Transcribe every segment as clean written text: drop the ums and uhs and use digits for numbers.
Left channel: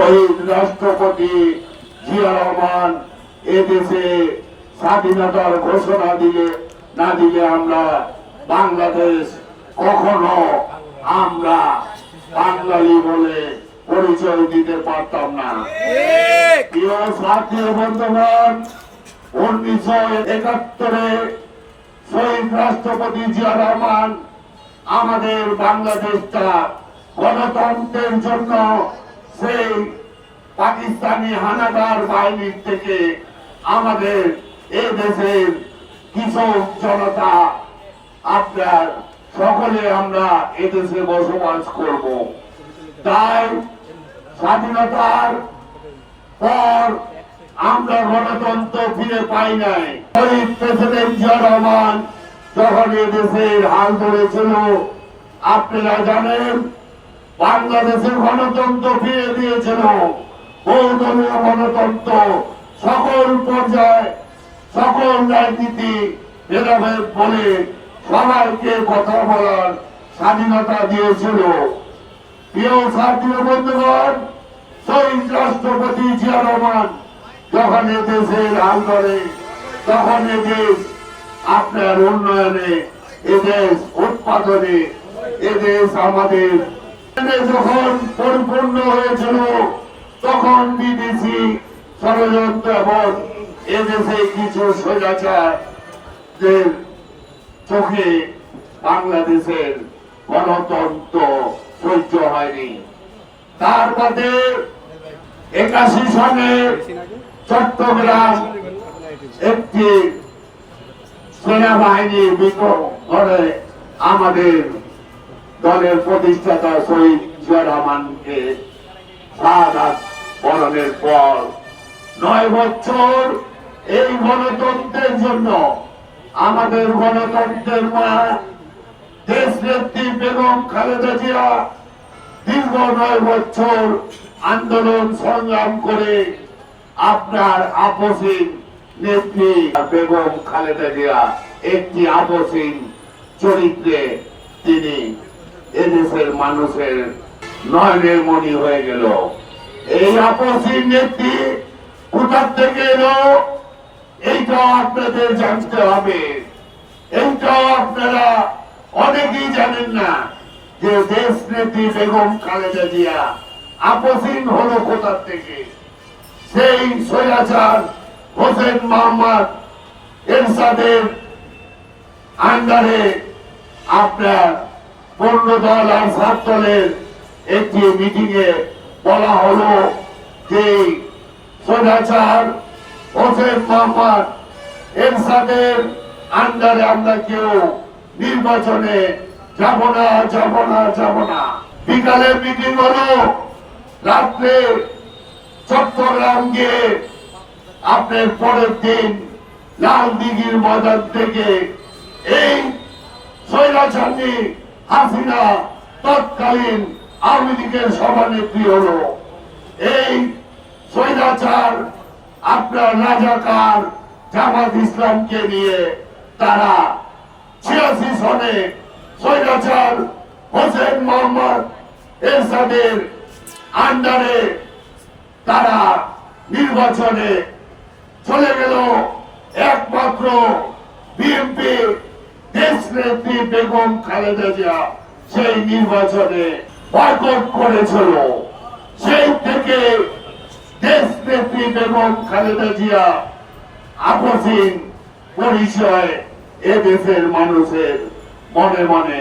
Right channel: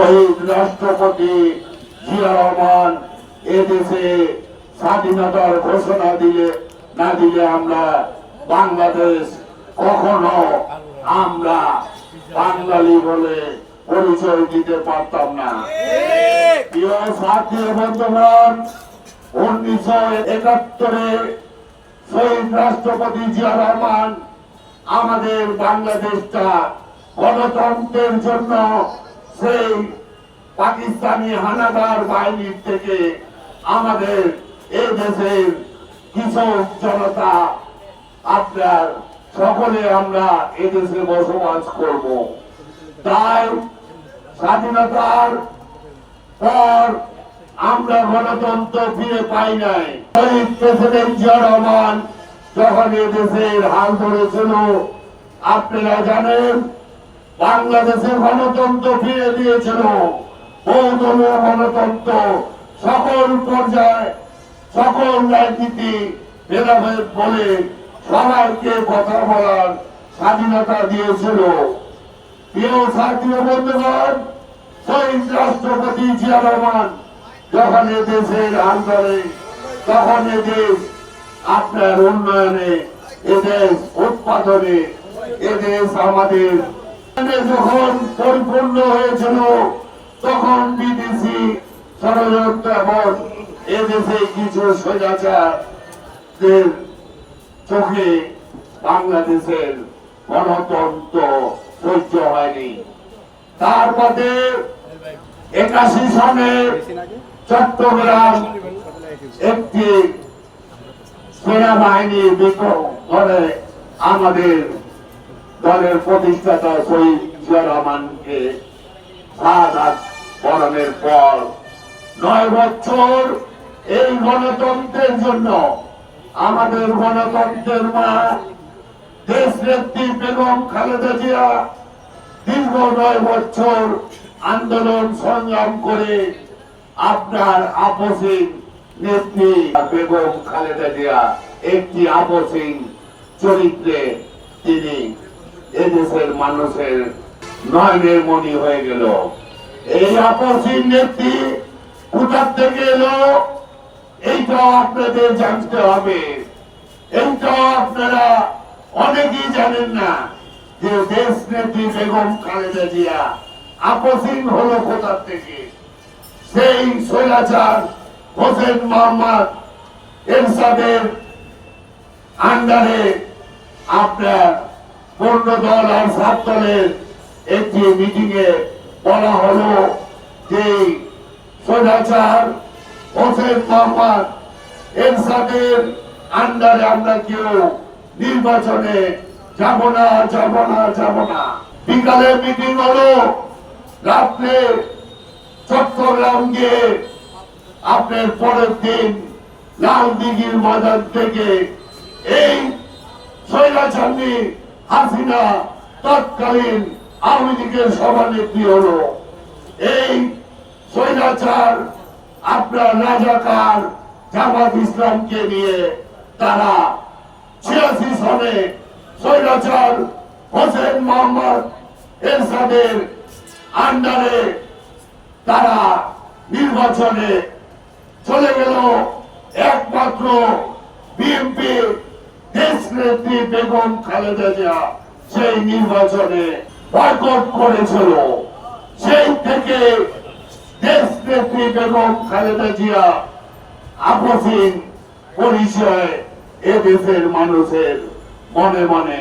শহীদ রাষ্ট্রপতি জিয়া রহমান এদেশে স্বাধীনতার ঘোষণা না দিলে আমরা বাংলাদেশ কখনো আমরা বাঙালি বলে পরিচয় দিতে পারতাম না। প্রিয় সাথী বন্ধুগণ, 1971-এ শহীদ রাষ্ট্রপতি জিয়া রহমান আমাদের বাংলাদেশটা গণতন্ত্রের জন্য সেই পাকিস্তানি হানাদার বাহিনীর থেকে আমাদের এই দেশের কৃষক জনতা আপনার সকলে আমরা এদেশে বসবাস করব। তাই স্বাধীনতার পর আমরা গণতন্ত্র ফিরে পাই নাই। শহীদ প্রেসিডেন্ট জিয়া রহমান যখন এদেশের হাল ধরেছিল, আপনারা জানেন বাংলাদেশের গণতন্ত্র ফিরে দিয়েছিল, বহুদলীয় গণতন্ত্র, সকল পর্যায়ে সকল রাজনীতি ভেদাভেদ বলে সবাইকে কথা বলার স্বাধীনতা দিয়েছিল। প্রিয় সাথী বন্ধুগণ, শহীদ রাষ্ট্রপতি জিয়া রহমান যখন এদেশের হাল ধরে, তখন এদেশ আপনার উন্নয়নে, এদেশ উৎপাদনে, এদেশ আমাদের যখন পরিপূর্ণ হয়েছিল, তখন বিদেশি ষড়যন্ত্র এবং এদেশে কিছু স্বৈরাচারদের চোখে বাংলাদেশের গণতন্ত্র সহ্য হয়নি। তার মধ্যে 81 সালে চট্টগ্রাম একটি সেনাবাহিনী বিক্ষোভ করে আমাদের দলের প্রতিষ্ঠাতা শহীদ জিয়া রহমানকে শাহাদাত বরণের পর 9 বছর এই গণতন্ত্রের জন্য আমাদের গণতন্ত্রের মা দেশনেত্রী বেগম খালেদা জিয়া দীর্ঘ 9 বছর আন্দোলন সংগ্রাম করে আপনার আপসীন নেত্রী বেগম খালেদা জিয়া একটি আপসীন চরিত্রে তিনি এদেশের মানুষের নয়নের মণি হয়ে গেল। এই আপসীন নেত্রী কোথা থেকে এলো এইটাও আপনাদের জানতে হবে। এইটাও আপনারা অনেকেই জানেন না যে দেশ নেত্রী বেগম খালেদা জিয়া আপসীন হলো কোথা থেকে। সেই স্বৈরাচার হোসেন মোহাম্মদ এরশাদের আন্ডারে আপনার পূর্ণ দল আর 7 দলের একটি মিটিং এ বলা হলো যে স্বৈরাচার হোসেন মোহাম্মদ এরশাদের আন্ডারে আমরা কেউ নির্বাচনে যাব না। বিকালে মিটিং হলো, রাত্রে চট্টগ্রাম গিয়ে আপনার পরের দিন লাল দিঘির ময়দান থেকে এই স্বৈরাচারী হাসিনা তৎকালীন আওয়ামী লীগের সভানেত্রী হলো। এই স্বৈরাচার আপনার রাজাকার জামাত ইসলামকে নিয়ে তারা 86 সনে স্বৈরাচার হোসেন মোহাম্মদ এরশাদের আন্ডারে তারা নির্বাচনে চলে গেল। একমাত্র বিএনপি দেশনেত্রী বেগম খালেদা জিয়া সেই নির্বাচনে বয়কট করেছিল। সেই থেকে দেশনেত্রী বেগম খালেদা জিয়া আপসীন পরিচয় এদেশের মানুষের মনে মনে।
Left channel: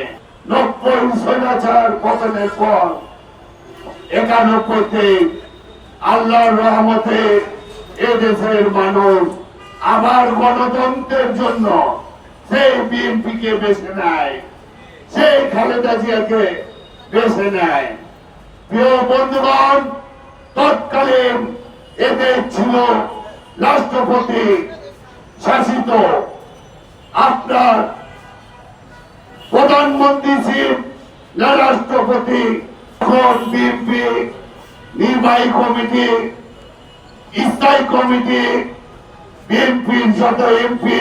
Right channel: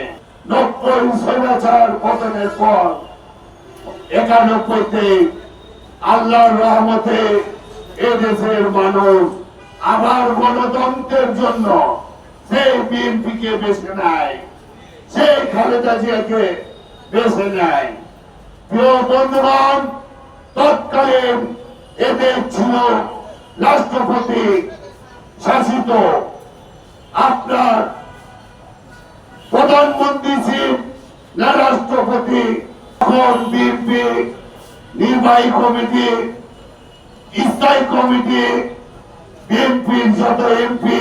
90 স্বৈরাচার পতনের পর 91-তে আল্লাহর রহমতে এদেশের মানুষ আবার গণতন্ত্রের জন্য সেই বিএনপিকে বেছে নেয়, সেই খালেদা জিয়াকে বেছে নেয়। প্রিয় বন্ধুগণ, তৎকালীন এদের ছিল রাষ্ট্রপতি শাসিত, আপনার প্রধানমন্ত্রী ছিল না রাষ্ট্রপতি। এখন বিএনপি নির্বাহী কমিটি, স্থায়ী কমিটি, বিএনপির যত এমপি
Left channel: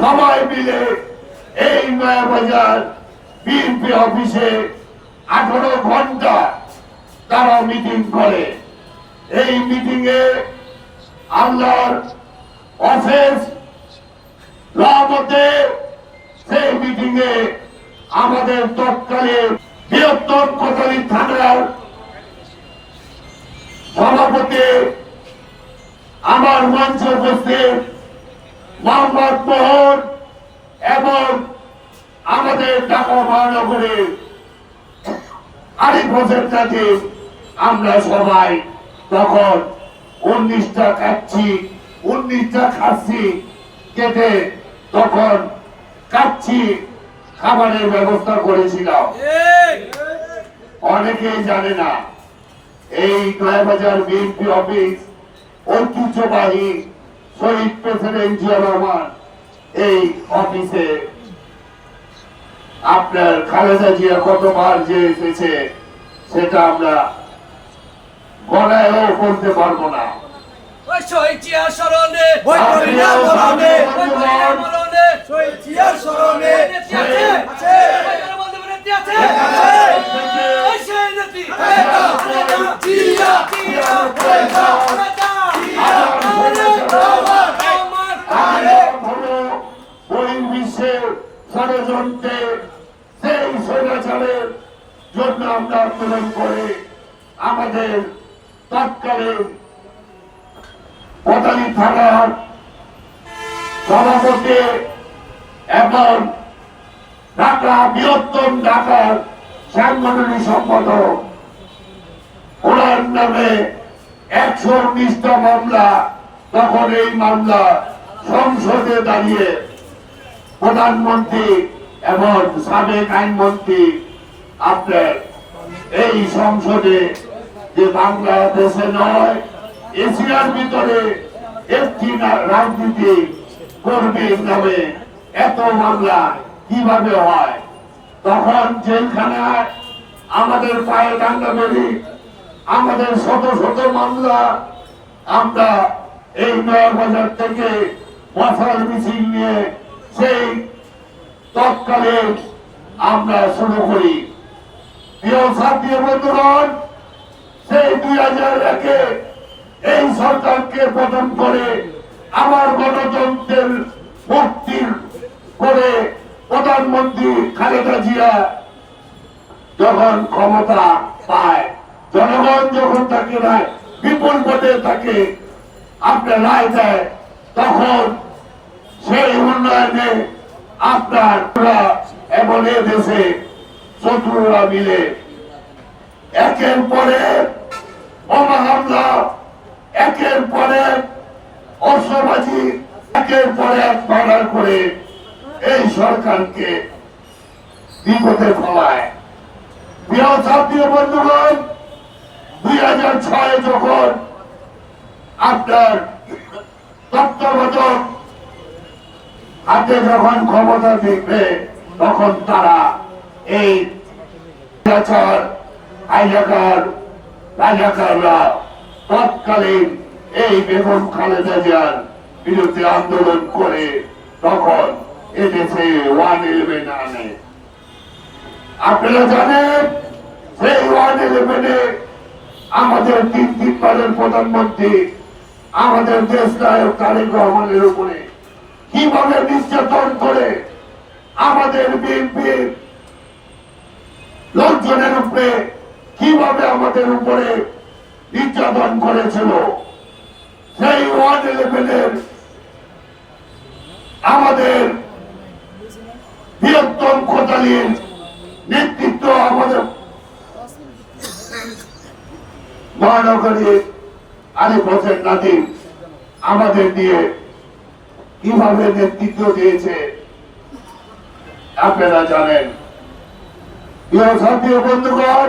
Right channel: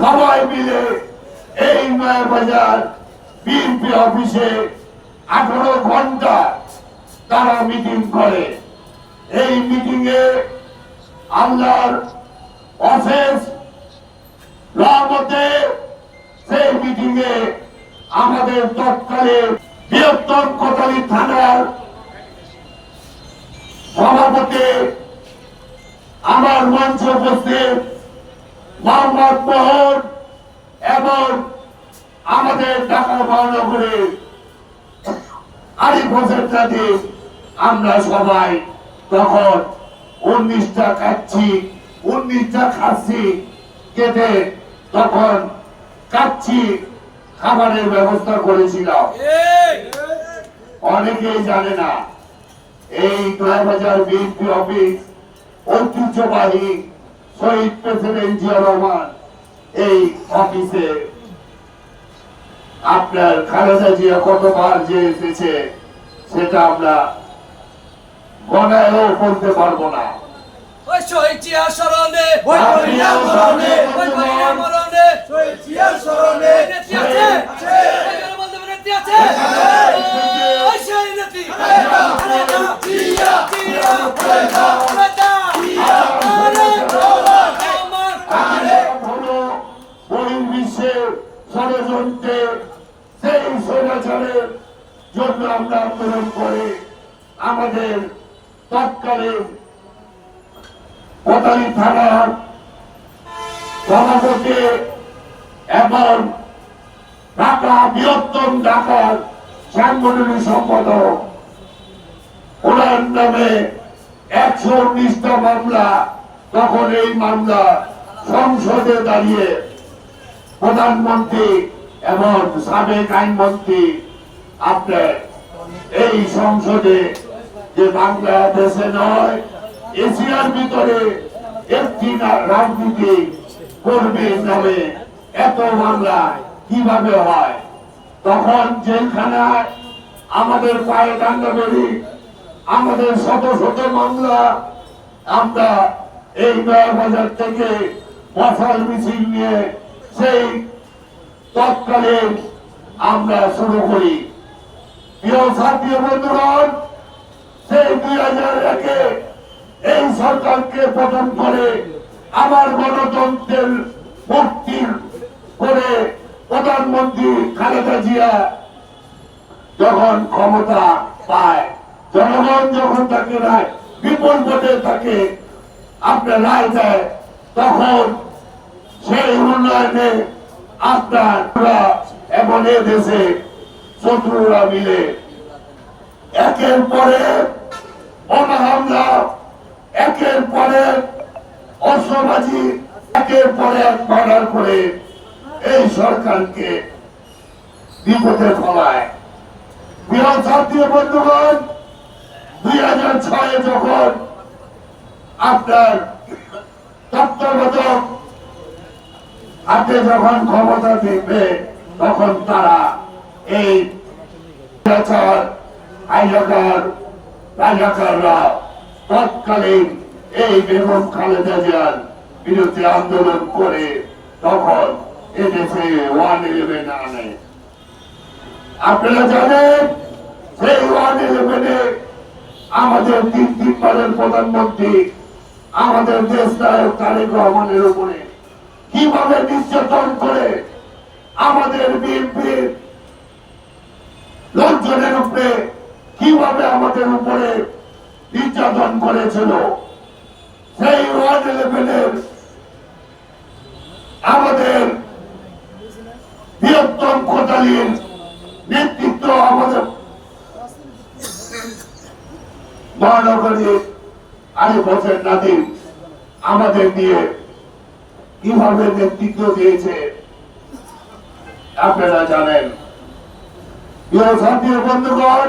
সবাই মিলে এই নয়াবাজার বিএনপি অফিসে 18 ঘন্টা তারা মিটিং করে। এই মিটিং এ আল্লাহর অশেষ রহমতে সেই মিটিং এ আমাদের তৎকালীন বৃহত্তম কোতোয়ালি থানার সভাপতি আমার মঞ্চ উপস্থিত মোহাম্মদ মোহন এবং আমাদের ঢাকা মহানগরের আরিফ হোসেন কাজী, আমরা সবাই তখন 19টা কাচ্ছি 19টা খাচ্ছি কেটে তখন কাচ্ছি খাবারের ব্যবস্থা করেছিলাম। অনেকেই জানে না এই দয়াবাজার বিএনপি অফিস ঐতিহ্যবাহী শহীদ প্রেসিডেন্ট জিয়াউর রহমান এই অফিসে আপনার খালেদা জিয়া কতবার যে এসেছে সেটা আমরা গণায়ও বলতে পারবো না। বহির্বিশ্বের ষড়যন্ত্রে সেই স্বৈরাচারের জন্য আমরা আন্দোলন করে আমাদের তৎকালীন কোতোয়ালি থানার সভাপতি এবং ঢাকা বৃহত্তম ঢাকার সাংগঠনিক সম্পাদক ওনার নামে 119টা মামলা, তখন এই মামলা সংসদে দাঁড়িয়ে প্রধানমন্ত্রী এবং সাবেক আইনমন্ত্রী আপনার এই সংসদে যে বাংলাদেশে নয় এশিয়ার ভিতরে একটি রাজনীতি কর্মীর নামে এত মামলা কিভাবে হয়। তখন জেলখানায় আমাদের পায়ে ডান্ডা বেরি আমাদের শত শত মামলা আমরা এই নয়াবাজার থেকে মশাল মিছিল নিয়ে সেই তৎকালে আমরা শুরু করি। প্রিয় ছাত্রী বন্ধুগণ, সেই 2001-এ এই সরকারকে পতন করে আবার গণতন্ত্রের মুক্তি করে প্রধানমন্ত্রী খালেদা জিয়া যখন ক্ষমতা পায়, জনগণ যখন তাকে রায় বিপুল ভোটে তাকে আপনার রায় দেয়, তখন সেই উন্নয়নে আপনার এবং এ দেশে শত্রুরা মিলে একের পরে বোমা হামলা, একের পরে অস্ত্রবাজি, একের পরে এক মার্ডার করে এই সরকারকে বিপদে ফলায়। প্রিয় ছাত্রী বন্ধুগণ, 2006-এ যখন আপনার তত্ত্বাবধায়ক হাতে যখন ক্ষমতা দিবে তখন তারা এই রাজাকাররা তৎকালীন এই বেগম খালেদা জিয়ার বিরুদ্ধে আন্দোলন করে তখন এদেশে 111 আনে। আপনারা জানেন সেই 111-এ আমাদের তিনবারের প্রধানমন্ত্রী আমাদের দেশ নায়ক তারেক রহমানের উপরে কিভাবে নির্যাতন করে আমাদের বিএনপির লোকজনের উপরে কিভাবে আমাদের উপরে নির্যাতন করেছিল। সেই 111-এর আমাদের বৃহত্তম কোতোয়ালির নেতৃত্ব আমাদের মহানগরীর আরিফ হোসেন নাদিম আমাদের দিয়ে কিভাবে নেতৃত্ব দিয়েছে আপনারা জানেন। প্রিয় ছাত্রী বন্ধুগণ,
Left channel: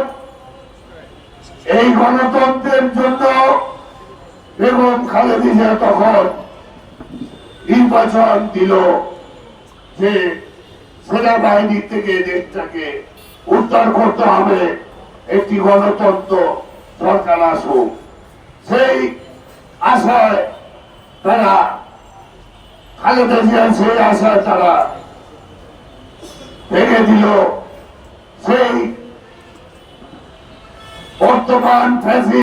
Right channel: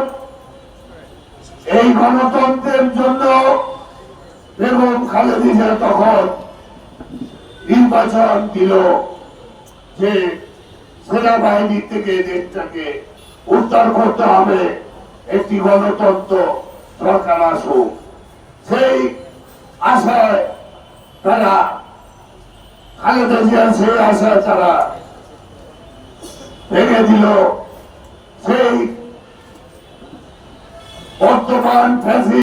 এই গণতন্ত্রের জন্য বেগম খালেদা জিয়া তখন নির্বাচন দিল যে সেনাবাহিনী থেকে দেশটাকে উদ্ধার করতে হবে, একটি গণতন্ত্র সরকার আসুক। সেই আশায় তারা খালেদা জিয়া সেই আশায় তারা ভেঙে দিল। সেই বর্তমান ফ্যাসি